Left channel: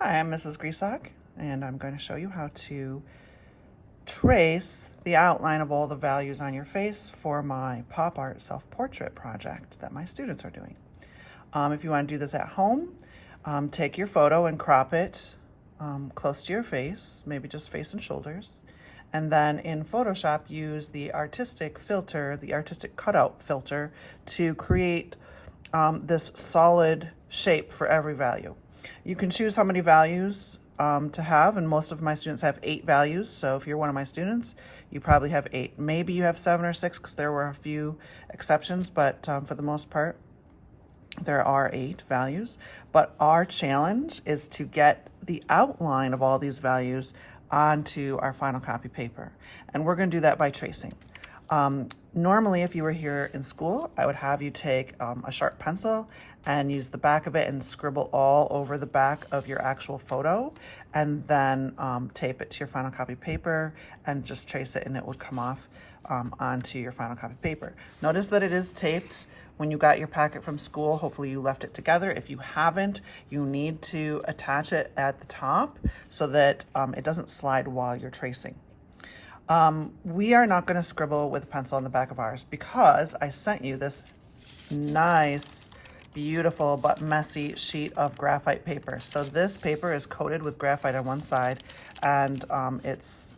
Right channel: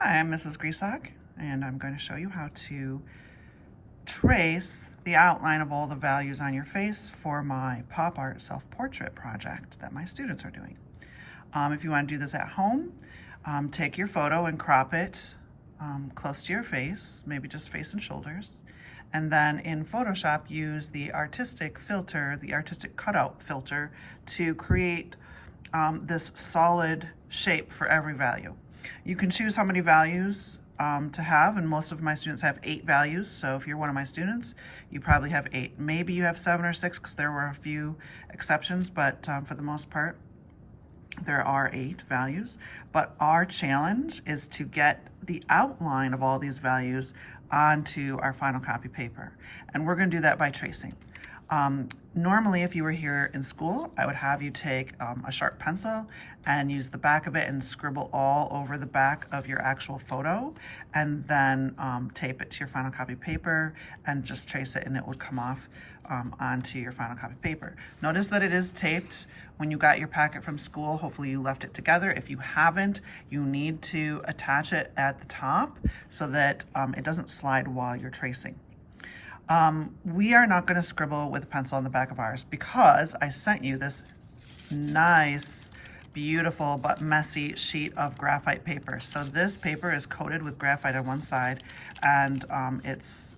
Hi, I'm Mrs. Grisak, and I'm going to show you how to trace the outline of all the values on your face for my pop art self-portrait project that my students are doing. If you want to do this at home, take your photo and crop it close to your face, maybe just face and shoulders. And then in Photoshop, use the artistic filter, the artistic cutout filter, to create this solid shape for every value. You can choose how many values to have, and most of my students have 8 values. So if you're one of my students, you probably have 8. Maybe you have 7 or 6 because there were a few exceptions, but for the most part, there are 8 values. But our challenge is to get the outline of all these values onto our final copy paper. And we're going to do that by tracing. Normally, if you were here in school, I would have you take a sharp pencil and use the back of it and scribble all over the back of your actual photo, and then tape it to your final copy paper and just trace it, and it would come off onto your final copy paper. Notice that it is taped when you got your packet from school. Hopefully you left it together. If you haven't, you need to attach it at the top so that it doesn't slide while you're tracing. We are not going to scribble with a pencil on the back of ours because I sent you this nice, beautiful, but messy sheet of graphite paper. So this paper is coated with graphite on one side, and it's,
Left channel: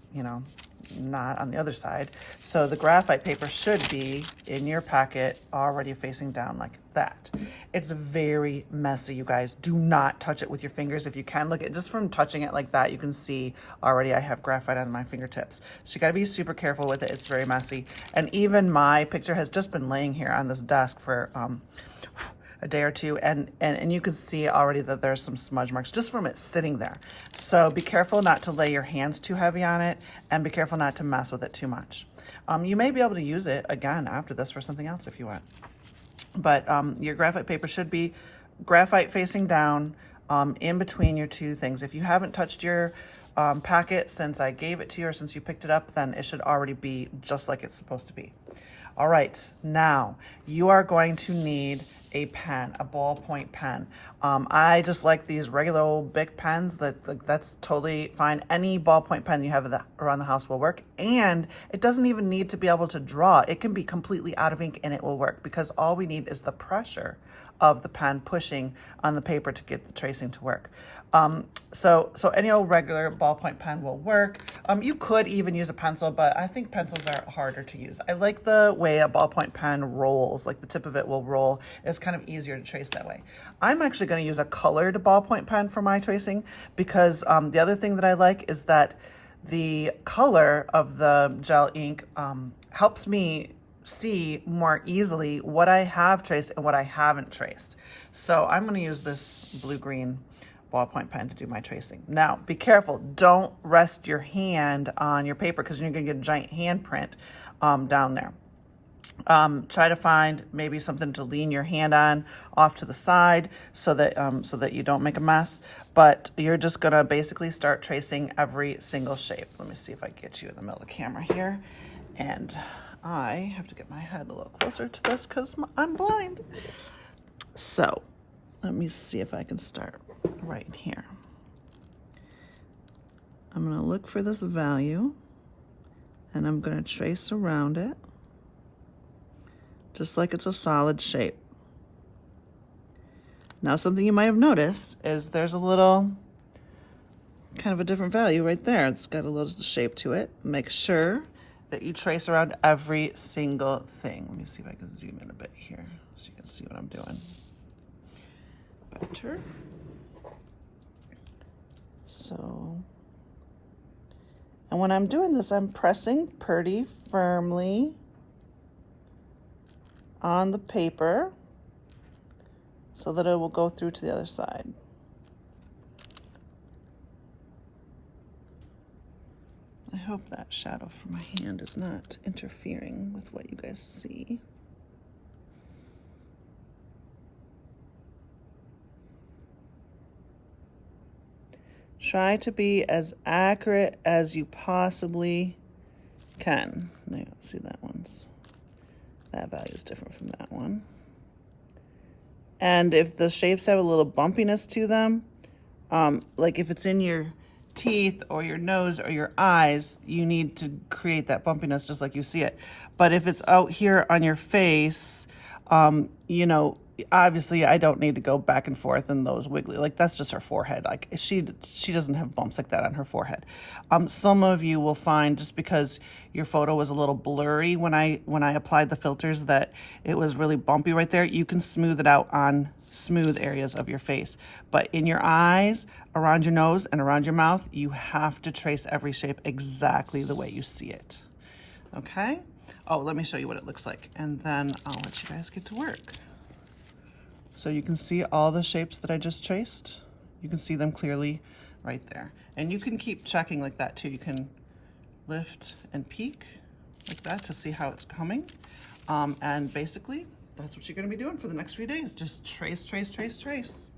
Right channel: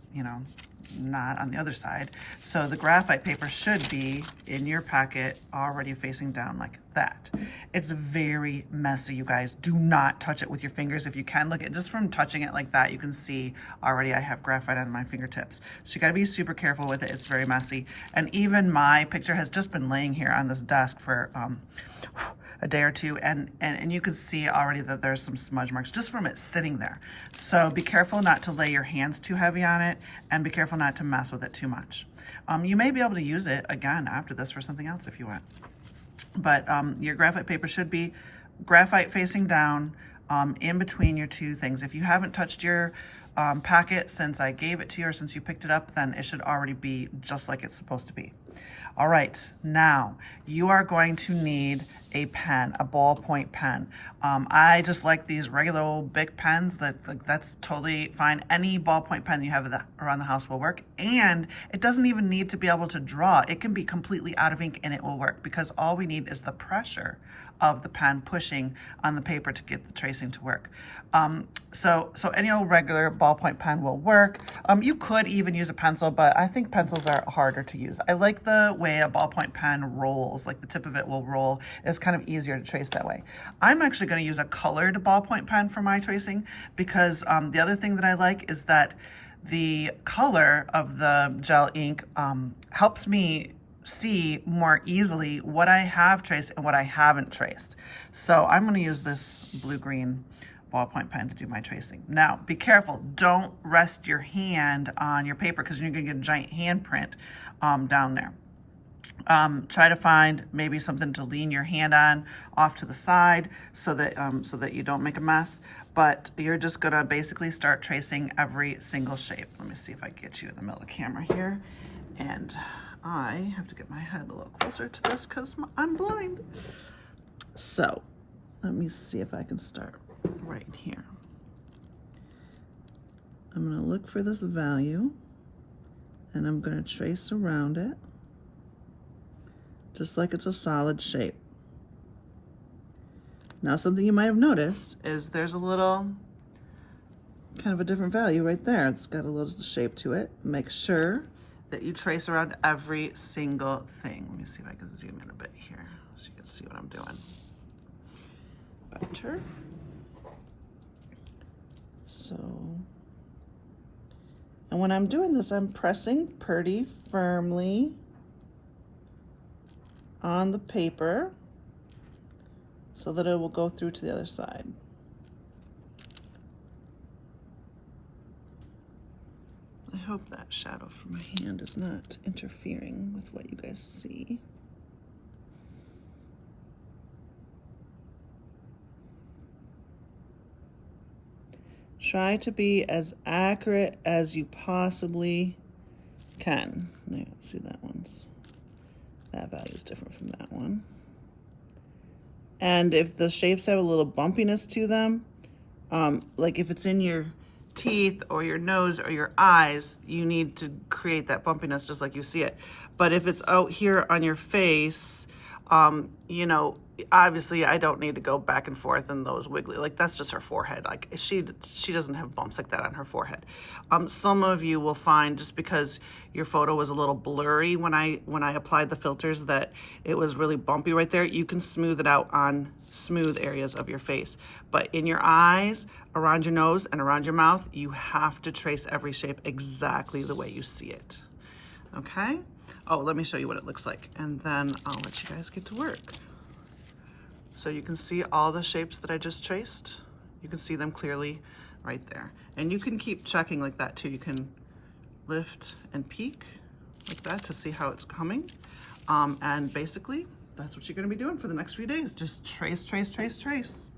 not on the other side. So the graphite paper should be in your packet already facing down like that. It's very messy, you guys. Do not touch it with your fingers. If you can, look at just from touching it like that, you can see already I have graphite on my fingertips. So you got to be super careful with it. It's very messy. And even my picture has just been laying here on this desk for a day or two, and you can see already that there's some smudge marks just from it sitting there. So be careful not to lay your hands too heavy on it, and be careful not to mess with it too much. You may be able to use it again after this for something else if you want. But your graphite paper should be graphite facing down in between your two things. If you haven't touched your packet since I gave it to you or since you picked it up, then it should already be just like it's supposed to be. All right, now you are going to need a pen, a ballpoint pen. I just like these regular old Bic pens. That's totally fine. Any ballpoint pen you have around the house will work, and it doesn't even need to be able to draw. It can be completely out of ink and it will work because all we need is the pressure of the pen pushing on the paper to get the tracing to work. So any old regular ballpoint pen will work. You could even use a pencil, but I think pencils are harder to use. I like the way a ballpoint pen rolls, like the tip of it will roll. It's kind of easier to trace that way. I'm actually going to use a colored ballpoint pen for my tracing because the other thing that I like is that the color of the gel ink helps me see more easily what I have traced and what I haven't traced. So I'm going to use this blue-green ballpoint pen to do my tracing. Now, be careful. Don't rest your hand on your paper because you're going to get a giant handprint down there. Try to find maybe something to lean your hand on off to the side so that you don't make a mess. But you're just going to basically start tracing every single shape. Let me see if I can get you in the middle of the camera here. And I have to get my head a little closer to this because I'm blind. So let me see if I can start right here. I'm going to look for this value and I'm going to trace around it just like it's a solid shape. Now, something you might have noticed is there's a little kind of a different value right there. It's got a little shape to it. Make sure that you trace around every single thing. Let me see if I can zoom in a bit here so you can see what I'm doing better. So, and when I'm doing this, I'm pressing pretty firmly on the paper so that it will go through to the other side. I hope that shadow from my hand is not interfering with what you guys see. Try to be as accurate as you possibly can. There, see that that value is different from that one. And if the shapes have a little bumpiness to them, like if it's in your teeth or your nose or your eyes, you need to create that bumpiness just like you see it. But if it's out here on your face, you know, obviously I don't need to go back and forth in those wiggly, like that's just her forehead. Like she doesn't have bumps like that on her forehead. Some of you will find, just because your photo was a little blurry when I applied the filters, that it was really bumpy right there. You can smooth it out on smooth areas of your face. But in your eyes, around your nose, and around your mouth, you have to trace every shape exactly the way you see it. Okay? Oh, let me show you what it looks like, and then I'll let you guys get to work. So you can see all the shapes that I just traced. You can see them clearly right there. And you can keep checking like that too. You can lift and peek like that to see how it's coming. And basically, that's what you're gonna be doing for the next few days. Just trace, trace, trace, trace.